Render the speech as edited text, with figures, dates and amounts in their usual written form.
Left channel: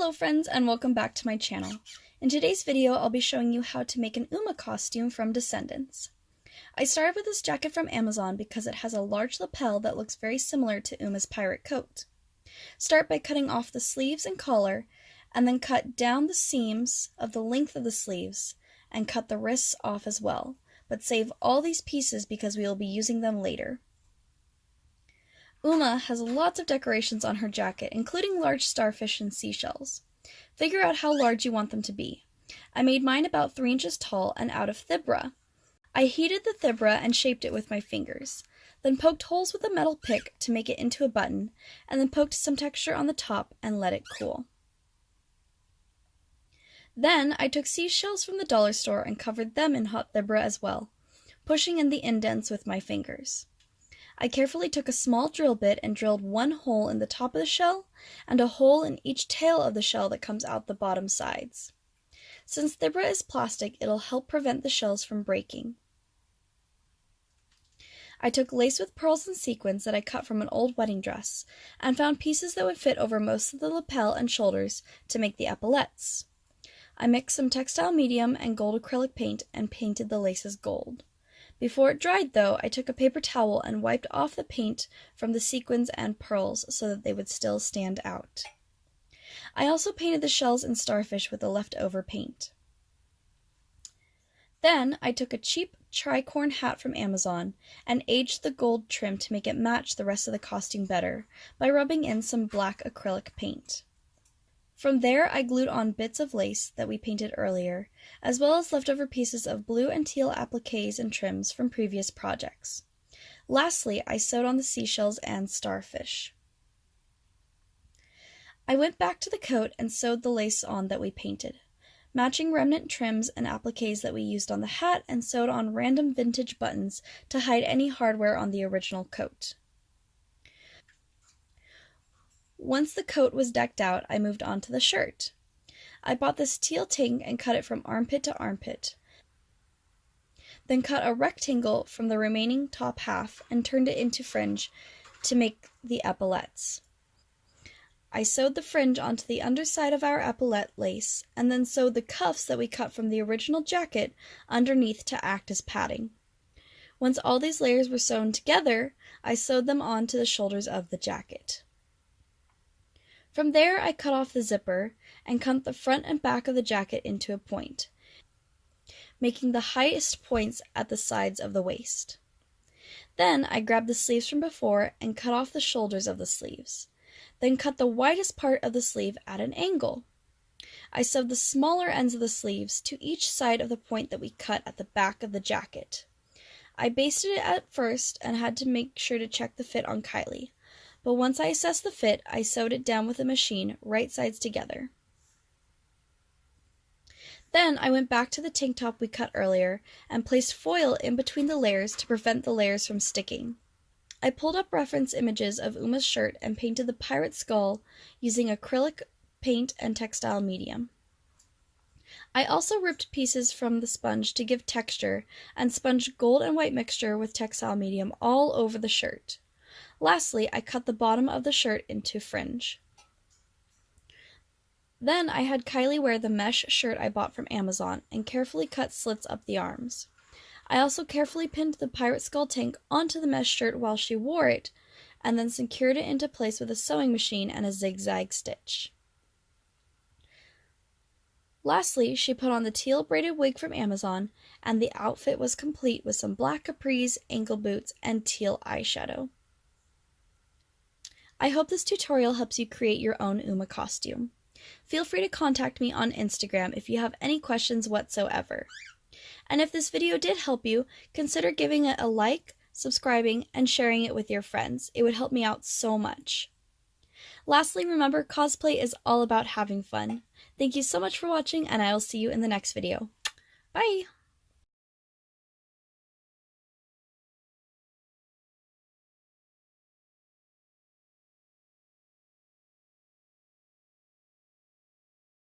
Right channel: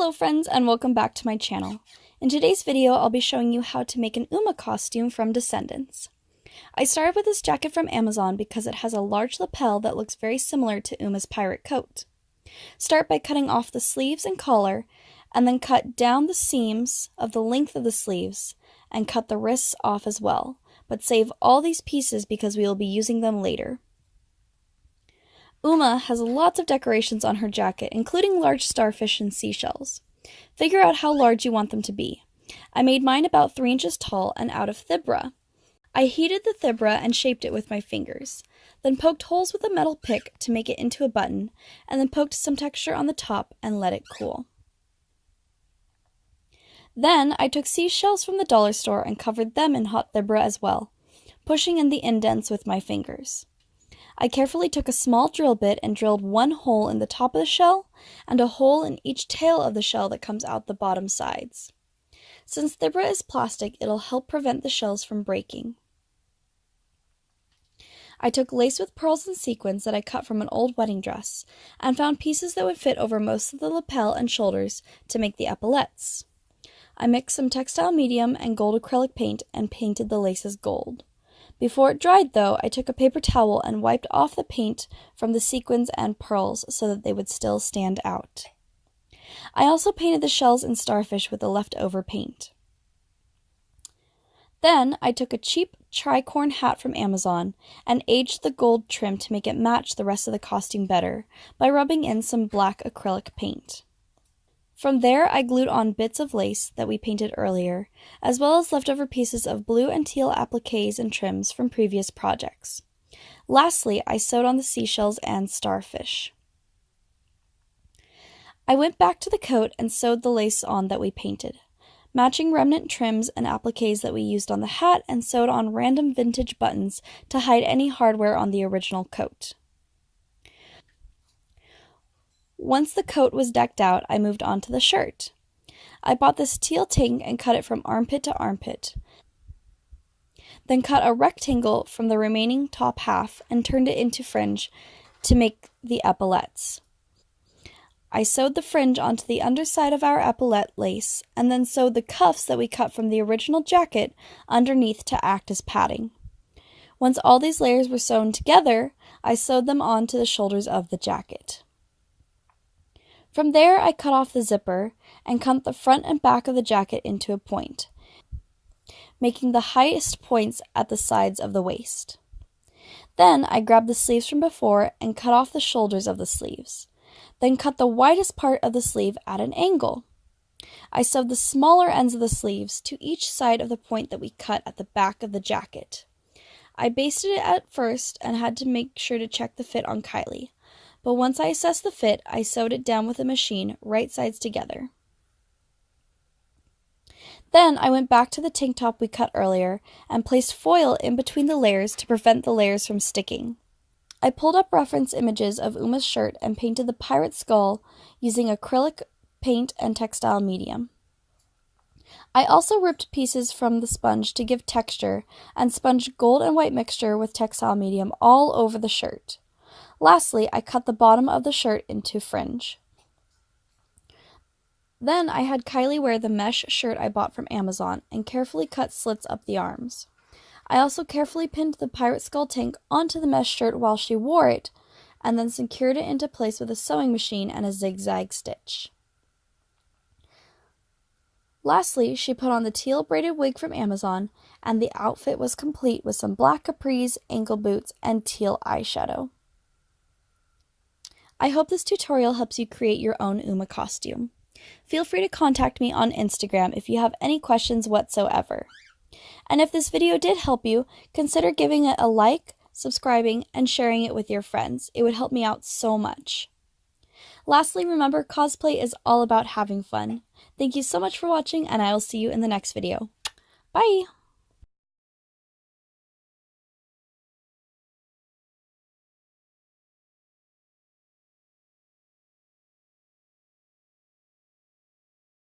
Hello friends and welcome back to my channel. In today's video I'll be showing you how to make an Uma costume from Descendants. I started with this jacket from Amazon because it has a large lapel that looks very similar to Uma's pirate coat. Start by cutting off the sleeves and collar, and then cut down the seams of the length of the sleeves, and cut the wrists off as well, but save all these pieces because we will be using them later. Uma has lots of decorations on her jacket, including large starfish and seashells. Figure out how large you want them to be. I made mine about 3 inches tall and out of thibra. I heated the thibra and shaped it with my fingers, then poked holes with a metal pick to make it into a button, and then poked some texture on the top and let it cool. Then I took seashells from the dollar store and covered them in hot thibra as well, pushing in the indents with my fingers. I carefully took a small drill bit and drilled one hole in the top of the shell and a hole in each tail of the shell that comes out the bottom sides. Since thibra is plastic, it'll help prevent the shells from breaking. I took lace with pearls and sequins that I cut from an old wedding dress and found pieces that would fit over most of the lapel and shoulders to make the epaulettes. I mixed some textile medium and gold acrylic paint and painted the laces gold. Before it dried, though, I took a paper towel and wiped off the paint from the sequins and pearls so that they would still stand out. I also painted the shells and starfish with the leftover paint. Then I took a cheap tricorn hat from Amazon and aged the gold trim to make it match the rest of the costume better by rubbing in some black acrylic paint. From there, I glued on bits of lace that we painted earlier, as well as leftover pieces of blue and teal appliques and trims from previous projects. Lastly, I sewed on the seashells and starfish. I went back to the coat and sewed the lace on that we painted, matching remnant trims and appliques that we used on the hat, and sewed on random vintage buttons to hide any hardware on the original coat. Once the coat was decked out, I moved on to the shirt. I bought this teal tank and cut it from armpit to armpit, then cut a rectangle from the remaining top half and turned it into fringe to make the epaulettes. I sewed the fringe onto the underside of our epaulette lace and then sewed the cuffs that we cut from the original jacket underneath to act as padding. Once all these layers were sewn together, I sewed them onto the shoulders of the jacket. From there, I cut off the zipper and cut the front and back of the jacket into a point, making the highest points at the sides of the waist. Then I grabbed the sleeves from before and cut off the shoulders of the sleeves, then cut the widest part of the sleeve at an angle. I sewed the smaller ends of the sleeves to each side of the point that we cut at the back of the jacket. I basted it at first and had to make sure to check the fit on Kylie. But once I assessed the fit, I sewed it down with a machine, right sides together. Then I went back to the tank top we cut earlier and placed foil in between the layers to prevent the layers from sticking. I pulled up reference images of Uma's shirt and painted the pirate skull using acrylic paint and textile medium. I also ripped pieces from the sponge to give texture and sponged gold and white mixture with textile medium all over the shirt. Lastly, I cut the bottom of the shirt into fringe. Then I had Kylie wear the mesh shirt I bought from Amazon and carefully cut slits up the arms. I also carefully pinned the pirate skull tank onto the mesh shirt while she wore it, and then secured it into place with a sewing machine and a zigzag stitch. Lastly, she put on the teal braided wig from Amazon, and the outfit was complete with some black capris, ankle boots, and teal eyeshadow. I hope this tutorial helps you create your own Uma costume. Feel free to contact me on Instagram if you have any questions whatsoever. And if this video did help you, consider giving it a like, subscribing, and sharing it with your friends. It would help me out so much. Lastly, remember, cosplay is all about having fun. Thank you so much for watching, and I will see you in the next video. Bye!